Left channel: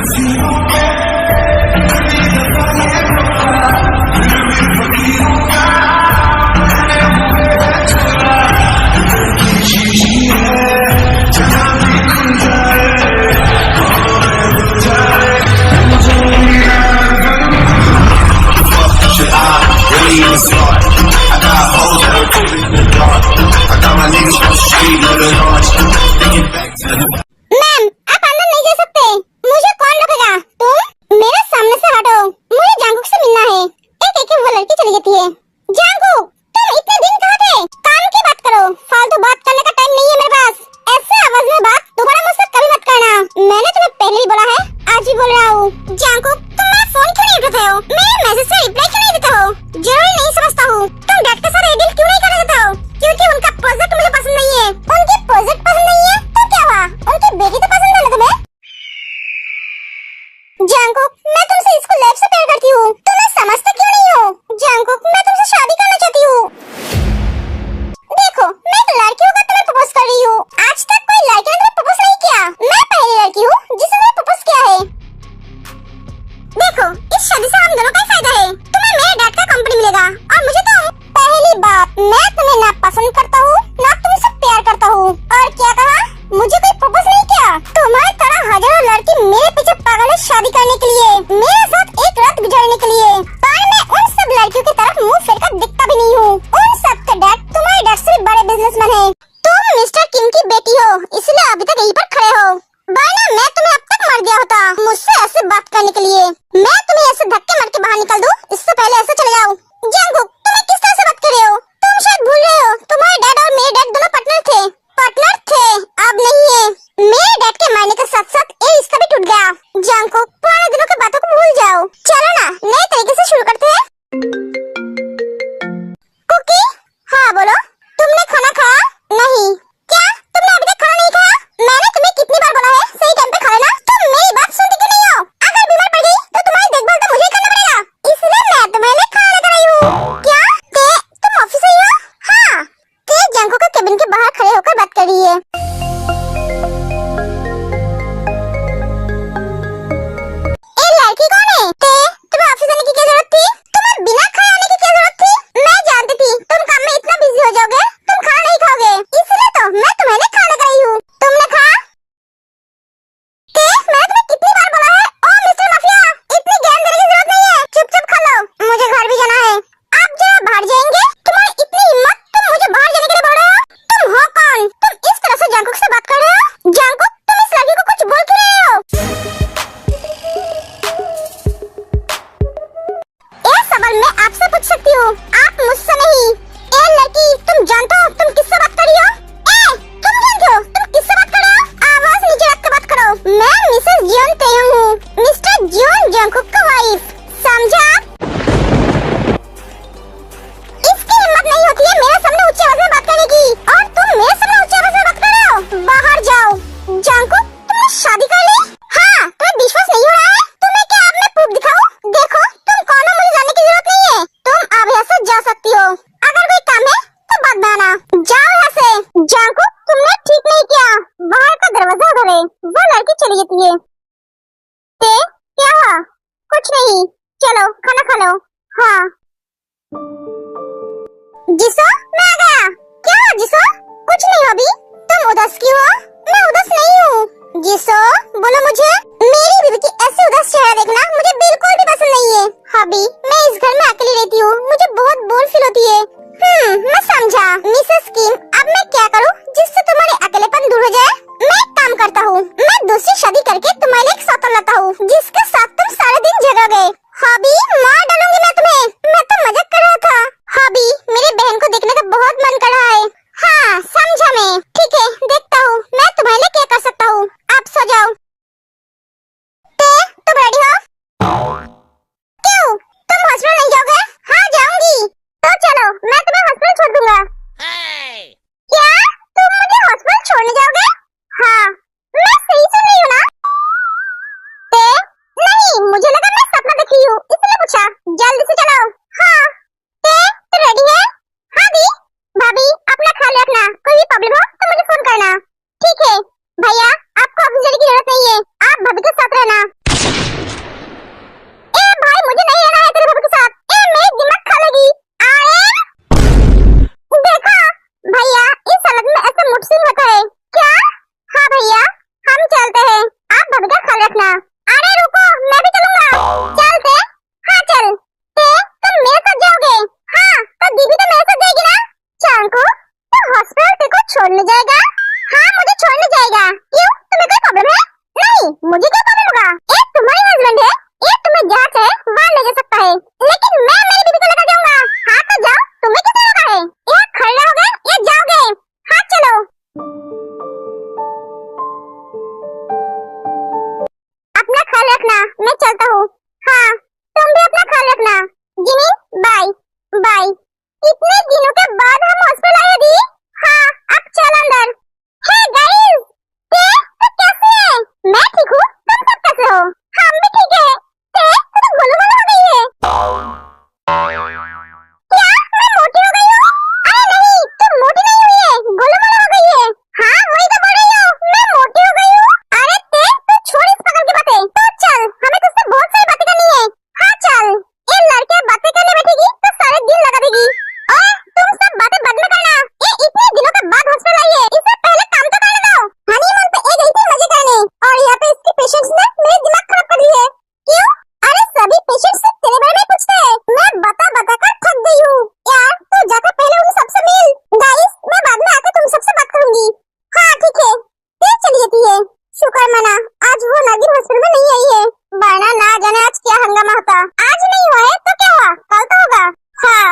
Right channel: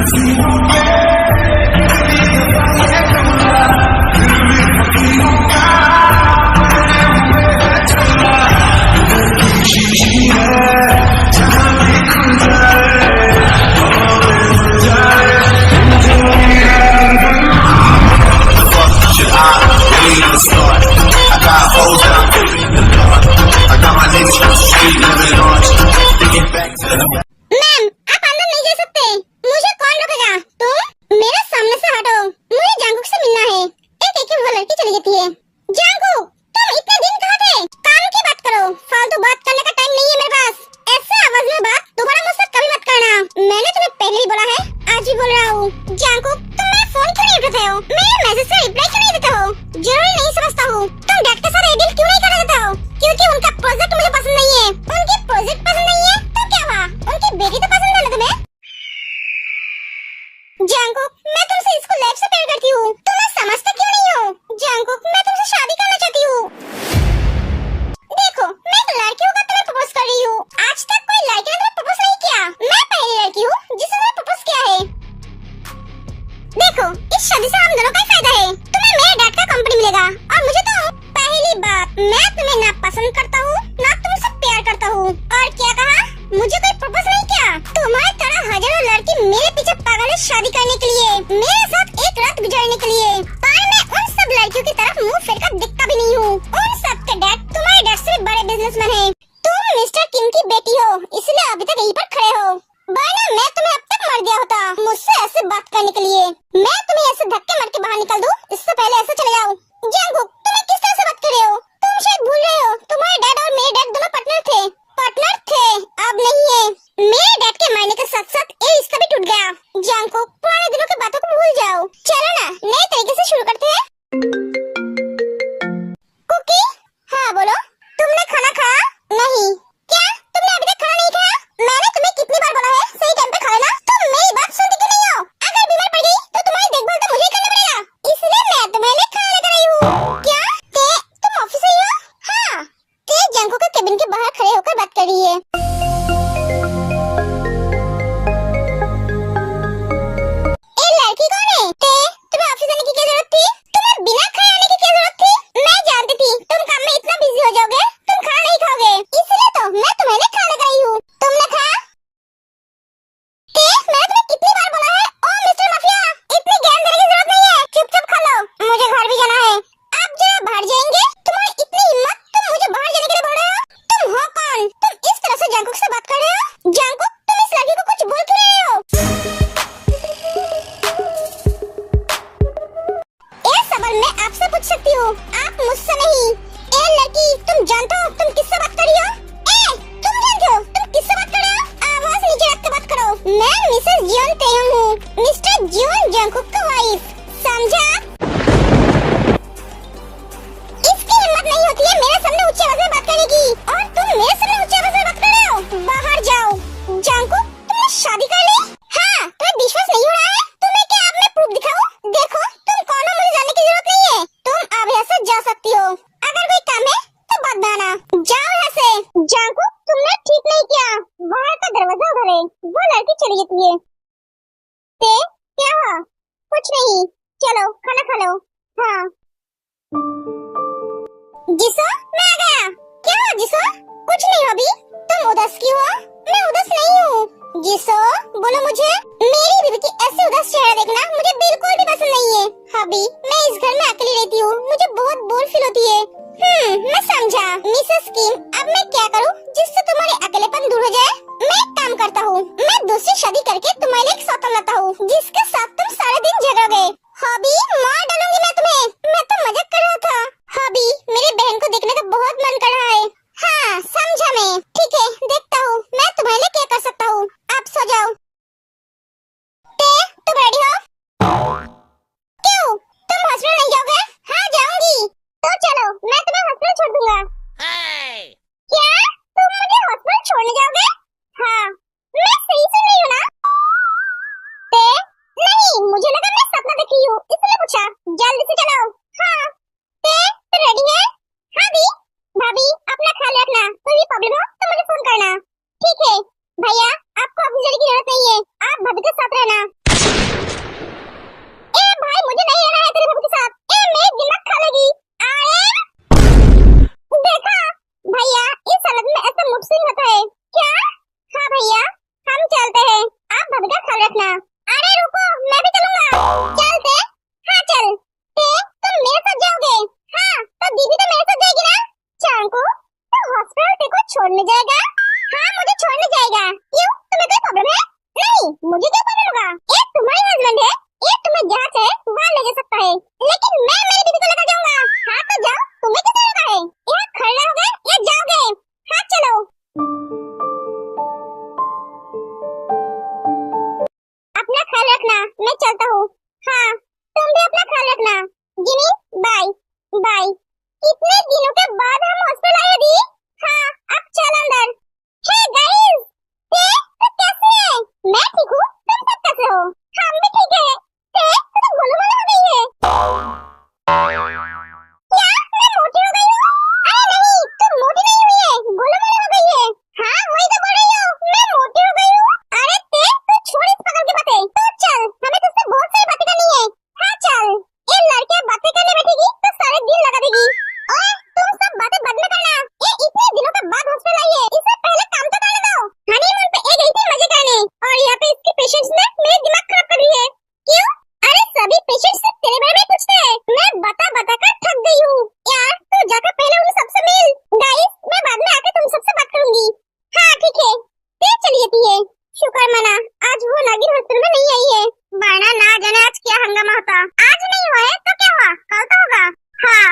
हसीनों पे इतनी दफा ये खोला, फिर भी फकीरों का पहने हुए है चोला। दिल की शीशी है जहाँ भी खुल जाए, हमें मिल जाए, जो यार बन। Should I really even start? I got hoes that I'm keeping in the dark. I got my niggas from the street living large. Thinking back to the ma'am, आप अंदर नहीं जा सकते। मुझे कौन रोकेगा? तुम मेरे सामने से हटो। मुझे जांगकुक से मिलना है। एक वो लड़की चली जाती है। जांगकुक, तुम इतने दिन कहाँ थे? काम की बात करो। फालतू बात करने का टाइम नहीं है मेरे पास। ऐसे आवाज में बात दोबारा मुझसे कभी मत करना। मैंने तुम्हें पहले भी बोला है, आज भी बोल रहा हूँ। जांगकुक, तुम मेरा फोन क्यों नहीं उठाते हो? मेरे मैसेज से रिप्लाई क्यों नहीं देते हो? जरूरी नहीं समझता हूँ। तुम डैड के साथ डील क्यों नहीं कर देते हो? क्योंकि उनका प्रोजेक्ट मुझे पसंद नहीं है। उनके प्रोजेक्ट पसंद नहीं है तो क्या हुआ? उनकी बेटी तो पसंद है ना तुम्हें? जांगकुक, मैं तुमसे इसको लाइफ से प्यार करती हूँ। तुम समझते क्यों नहीं हो? जांगकुक, मैं तुमसे शादी करना चाहती हूँ। देखो, मैं एक लड़की होकर तुम्हें प्रपोज कर रही हूँ। आज तक कोई लड़की ने तुम्हें प्रपोज नहीं किया। मैं पहली लड़की हूँ जिसने तुम्हें प्रपोज किया है। देखो, इस शादी से हम दोनों का ही फायदा है। तुम्हें मेरे डैड का कंपनी मिलेगा और मुझे तो पहली बात, मैं तुम्हें ना पसंद करता हूँ ना तुमसे प्यार करता हूँ। और क्या कहा? मुझे कोई प्रपोज नहीं किया। तुम्हारी तरह हजारों लड़की मेरे पीछे पागल है शादी करने के लिए, मेरे साथ एक रात गुजारने के लिए। पर मैं उन सब लड़कियों की तरफ मुंह फेर कर दिखता भी नहीं हूँ। उन सब के डैड तुम्हारे डैड से भी बड़े बिजनेसमैन हैं। तुम मिस्टर किंग की बेटी हो, इसलिए अभी तक यहीं पर खड़े हो। वरना मैं तुम्हें अब तक मर गया होता मुझसे ऐसे बात करने के लिए। मैं तुम्हें ऐसे धक्के मार के बाहर निकल दूं, इससे पहले ऐसे चले जाओ। जांगकुक, तुम्हें किस तरह से बात कर रहे हो? तुम शायद भूल रहे हो, तुम्हारे डैड और मेरे डैड दोनों पार्टनर थे। अब नहीं है। मेरे डैड के मरने के साथ साथ ये रिश्ता भी टूट गया। जांगकुक, पुराने दिनों की बातों को भूल जाओ। चलो ना, नए तरीके से शुरू करते हैं। कुकी, हाँ बोलो। तुमने खाना खाया? नहीं। क्या तुमने अभी तक खाना नहीं खाया? मैंने तुम्हें कितनी बार बोला है सही टाइम पे खा लेना। तुम मेरी बात सुनती क्यों नहीं हो? अगर बीमार पड़ गई तो तुम्हारी देखभाल तो मुझे ही करना पड़ेगा, इसलिए मैं तुम्हारे लिए खाना लेकर आई हूँ। क्या तुम ऑफिस से ही हो? हाँ। जांगकुक के केबिन के बाहर खड़े होकर बात कर रही है। ए लड़की कौन है? तुम्हें ऑफिस आने की क्या जरूरत थी? तुम्हें बिना खाए आने की क्या जरूरत थी? मैं जानती थी तुम काम में इतना बिजी हो जाओगे, तुम खाना नहीं खाओगे, इसलिए तो मैं तुम्हारे लिए खाना लेकर आई हूँ। तुमने खाया? मैंने तुम्हें कितनी बार बोला है, ओ मिस्टर माफिया, इतनी ज्ञान देने की जरूरत नहीं है, चुपचाप खा लो। मुझे घर भी जाना है। आप जरा बाहर जाएंगे? तुम्हारी इतनी हिम्मत, तुम मुझे बाहर जाने के लिए बोल रहे हो? तुम हो कौन? तुम इस तरह से जांगकुक से बात कर रहे हो? जांगकुक, तुम इस लड़की को कुछ बोल क्यों रहे हो? ये सवाल मैं आपसे पूछ सकती हूँ, आप मुझसे नहीं। ए लड़की, तुम जानते हो तुम किससे बात कर रही हो? तुम जानते हो तुम किससे बात कर रहे हो? आवाज नीचे रख कर बात करो। मैं मिसेस जियोन तेयंग हूँ, मिस्टर जियोन जांगकुक का वाइफ, समझा? इसकी हिम्मत नहीं होती है मेरे सामने ऊंची आवाज में बात करने की, और तुम मेरे सामने ऊंची आवाज में बात कर रहे हो। बाहर जाओ। जांगकुक, तुमने शादी कर ली? हाँ। तुम्हें विश्वास नहीं हो रहा है? तुम्हें क्या अब मैं प्रूफ दिखाऊं? देखो, तुम कौन हो मुझे जानने की जरूरत नहीं है। तुम अब यहाँ से जा सकती हो। अगर कोई काम है तो बात बनाना। जाओ यहाँ से। जांगकुक, तुमने ठीक नहीं किया। बाहर का दरवाजा उधर है। वो लड़की चली जाती है। क्या हुआ? कुछ नहीं, चलो खाना खा लो। हाँ। जिसो, मैं आ गया। क्या हुआ जिसो? कुछ नहीं हबी, तुम उदास क्यों हो? मैं उदास नहीं हूँ। जिसो, बोलो मुझे। मेरी बीवी की ऐसे उदास चेहरा देखना मुझे बिल्कुल भी पसंद नहीं है। हबी, मैं इस घर में अकेली रहती हूँ, मुझे बहुत बोर फील होती है। मैं समझा। मिसेस किम, अब मैं क्या करूँ जिससे तुम्हारे अकेलेपन दूर हो जाए? मैं एक काम करता हूँ, मैं दूसरी शादी करके तुम्हारे लिए एक सौतन लाता हूँ, जिसके साथ तुम सारे दिन जगोगे। हॉबी, मार डालूंगी मैं तुम्हें। मैं तो मजाक कर रहा था। हॉबी, मेरी बहन को देखने का बहुत मन कर रहा है। हाँ, समझा मैं। ठीक है, देखता हूँ मैं तुम्हारे लिए क्या कर सकता हूँ। आप सो जाओ। तुम रेडी हो? क्यों, तुम हॉस्पिटल नहीं जाओगे? हाँ, जाऊंगी। तो चलो, मैं तुम्हें हॉस्पिटल छोड़ दूंगा। क्या तुम मुझे हॉस्पिटल छोड़ने जाओगे? हाँ, मैं सही सुन रही हूँ ना? नहीं, मुझे लगा मैं सपना देख रही हूँ, इसलिए पूछा। जल्दी से चलो। हाँ। तो रेडी है? हाँ दी। भाभी, अपना ख्याल रखना, कोई भी प्रॉब्लम हो तो मुझे फोन करना। ठीक है भैया, आपको ऑफिस जाने की जरूरत नहीं है, आप भाभी के साथ रहना। छोड़ने जाएगा? हाँ मुझे छोड़ने जाएगा। क्यों, तुम्हें कोई प्रॉब्लम है? नहीं, मुझे क्या प्रॉब्लम होगा? ये तुम्हारी हस्बैंड है, ये तुम्हें जहाँ चाहे वहाँ ले जा सकता है, लेकिन मैं मेरी बीवी को लेकर जाऊंगा। हाँ तो जाओ, तुम्हें किसने रोका है? यहाँ खड़े रहोगे या जाओगे? हाँ चलो। अपना ख्याल रखना, मैं चलता हूँ। हाँ तुम भी अपना ख्याल रखना। Jimmy bye bye. कितने दिनों के बाद हम हॉस्पिटल आए दी। हाँ अब चल अंदर। हे गाइस, तो कैसे है? मैं ठीक हूँ, तुम सब कैसे हो? हम भी ठीक है। तो गोलूमोलू हो गई है। क्या मैं मोटी हो गई हूँ? अरे नहीं, तुम मोटी नहीं हुई है, गोलूमोलू हो गई है। हाँ वही तो बोल रही हूँ, मैं मोटी हो गई हूँ। अरे तू छोड़ इस पागल की बातें, तो चल हमें तुझसे बहुत सारी बातें करनी है। हाँ चल, ये लड़के बातें करने बैठेगी तो सारे दिन लगा देगी। और तुम सब बातें बाद में करना, ये इतने दिनों के बाद हॉस्पिटल आई है, इससे पहले काम तो करने दो। हनीमून पे एक गई थी मजे करने, और यहाँ पे इसके पेशेंट्स ने मेरे दिमाग खराब कर दिया है। क्यों? अरे सभी पेशेंट्स से तेरे बारे में पूछते हैं, मैं बता बता कर थक गई हूँ। यार तू जाकर पहले उन सबसे मिल। गाइस मैं बाद में आकर तुम सबसे बात करूंगी। हाँ ठीक है, फिर चली जाती है। शुक्र मना आज वो नागिन हॉस्पिटल में नहीं आई है, वरना ना जाने आज क्या हंगामा होता। आज नहीं हुआ है तो क्या हुआ, कल तो होगा। हाँ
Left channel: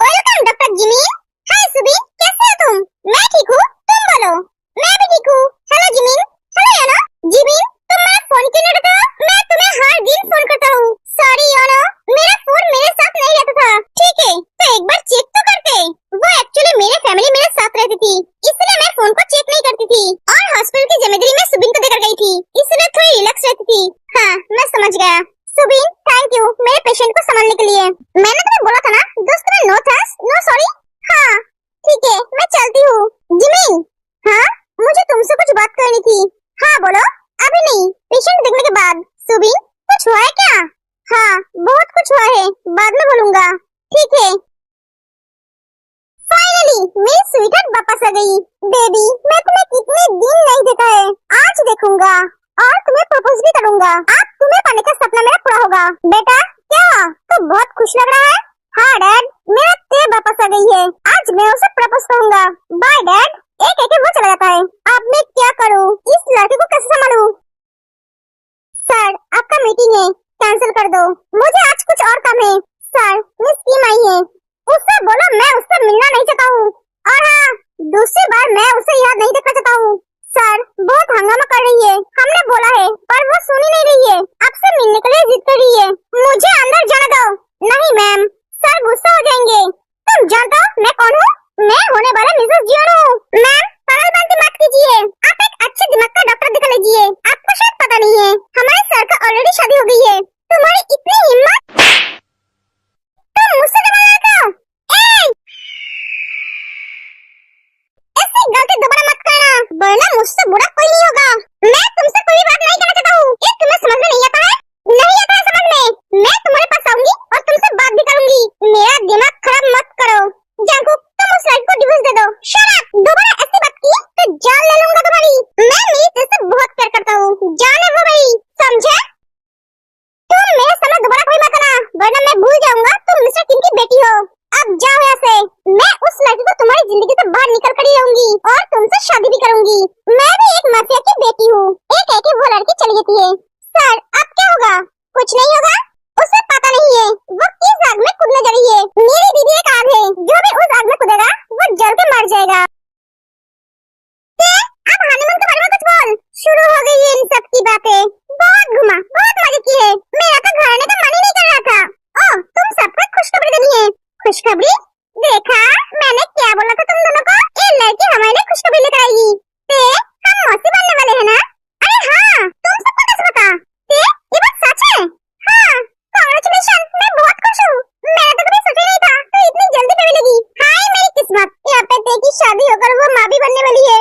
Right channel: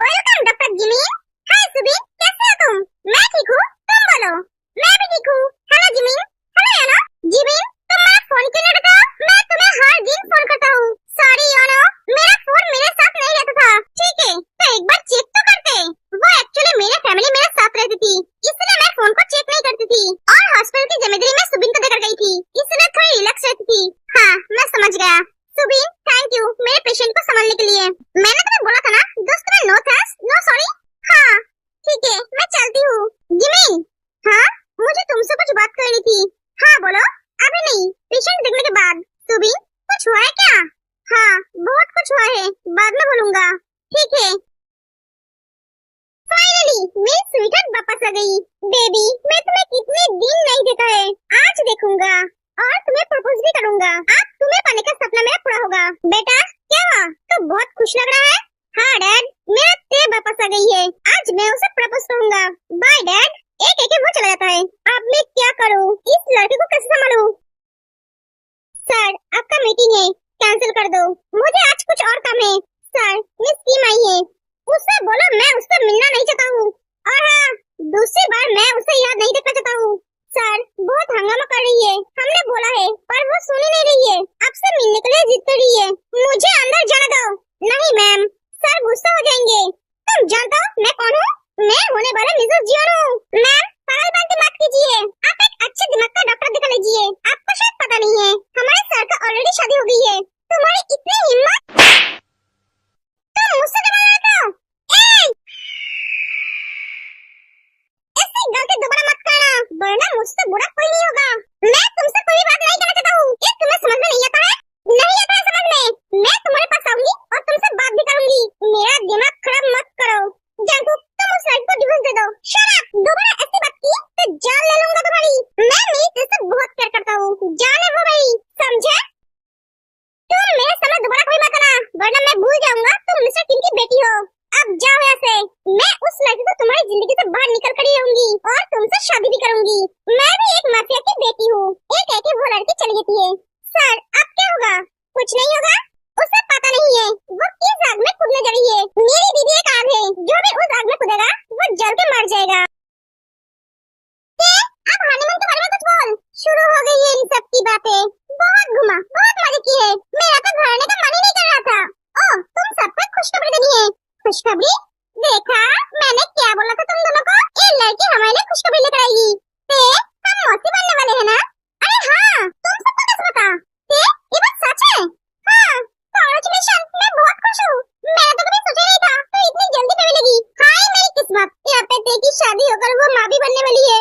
वेलकम डॉक्टर जिमी। हाय सुबी, कैसे हो तुम? मैं ठीक हूँ, तुम बोलो। मैं भी ठीक हूँ। Hello Jimin. हेलो यानो। जिमिन तुम मेरा फोन क्यों नहीं उठाते हो? मैं तुम्हें हर दिन फोन करता हूँ। सॉरी यानो, मेरा फोन मेरे साथ नहीं रहता था। ठीक है तो एक बार चेक तो करते। वो एक्चुअली मेरे फैमिली मेरे साथ रहती थी, इसलिए मैं फोन को चेक नहीं करती थी, और हॉस्पिटल की जिम्मेदारी मैं सुबिन को देकर गई थी, इसलिए थोड़ी रिलैक्स रहती थी। हाँ मैं समझ गया। सुबिन थैंक यू मेरे पेशेंट को संभालने के लिए। मैंने तुम्हें बोला था ना दोस्त, तुम्हें नो थैंक्स नो सॉरी। हाँ ठीक है मैं चलती हूँ। जिमिन। हाँ मुझे तुमसे कुछ बात करनी थी। हाँ बोलो। अभी नहीं, पेशेंट देखने के बाद। सुबिन कुछ हुआ है क्या? हाँ बहुत कुछ हुआ है, बाद में बोलूंगा। ठीक है। फाइनली मेरी स्वीटहार्ट वापस आ गई। बेबी मैं तुम्हें कितने दिन नहीं देखा है, आज देखूंगा और तुम्हें प्रपोज भी करूंगा। अब तुम्हें पाने का सपना मेरा पूरा होगा। बेटा क्या हुआ, तो बहुत खुश लग रहा है। हाँ डैड, मेरा ते वापस आ गई है, आज मैं उसे प्रपोज करूंगा। Bye dad. एक एक वो चला जाता है। अब मैं क्या करूं, इस लड़के को कैसे संभालूं? सर आपका मीटिंग है, कैंसिल कर दो, मुझे आज कुछ और काम है। सर मिस कीम आई है, उससे बोलो मैं उससे मिलना नहीं चाहता हूँ, और हाँ दूसरी बार मैं उसे याद नहीं देखना चाहता हूँ। सर बहुत हंगामा कर रही है, हमने बोला है पर वो सुन ही नहीं रही है, आपसे मिलने के लिए जिद कर रही है। मुझे अंदर जाने दो। नहीं मैम, सर गुस्सा हो जाएंगे। तुम जानते हो मैं कौन हूँ? मैं होने वाला मिसेस जियोन हूँ। मैम पागलपंती मत कीजिए, आप एक अच्छे दिमाग का डॉक्टर दिखा लीजिए। आपको शायद पता नहीं है हमारे सर का ऑलरेडी शादी हो गई है। तुम्हारी इतनी हिम्मत, तुम मुझसे दबा रहे हो? ऐसी गलती दोबारा मत करना, वरना मुझसे बुरा कोई नहीं होगा। मैं तुमसे कोई बात नहीं करना चाहता हूँ, ये तुम्हें समझ में नहीं आता है? नहीं आता है समझ में? मैं तुम्हारे पास आऊंगी और तुमसे बात भी करूंगी। मेरा दिमाग खराब मत करो। जंकुक तुम उस लड़की को डिवोर्स दे दो। शट अप, दोबारा ऐसी बात की तो जान ले लूंगा तुम्हारी। मैं मेरी दिल से बहुत प्यार करता हूँ, जान है वो मेरी, समझे? तुम मेरे सामने दोबारा कोई मत आना, वरना मैं भूल जाऊंगा तुम मिस्टर किम की बेटी हो। अब जाओ यहाँ से, मैं उस लड़की को तुम्हारी जिंदगी से बाहर निकल कर ही रहूंगी और तुमसे शादी भी करूंगी। मैं भी एक माफिया की बेटी हूँ। एक है कि वो लड़की चली जाती है। सर अब क्या होगा? कुछ नहीं होगा, उसे पता नहीं है वो किस आग में कूदने जा रही है। मेरी दीदी एक आग है, जो भी उस आग में कूदेगा वो जल के मर जाएगा। अब हनीमून के बारे में कुछ बोल। शुरू हो गई है इन सब की बातें, बहुत घुमा बहुत मजे किए, मेरा तो घर आने का मन ही नहीं कर रहा था। ओह तुम सबको खुशखबरी देनी है। खुशखबरी? देखा मैंने क्या बोला था तुम दोनों को, ये लड़की हमारे लिए खुशखबरी लेकर आएगी। हम मौसी बनने वाले हैं ना? अरे हाँ, तुम सबको कैसे पता? ये बात सच है? हाँ कांग्रेचुलेशन, मैं बहुत खुश हूँ। मैंने तो कभी सोचा नहीं था तो इतनी जल्दी पे मिलेगी। हाय मेरी किस्मत, यहाँ पे ते की शादी होकर वो माँ भी बनने वाली है।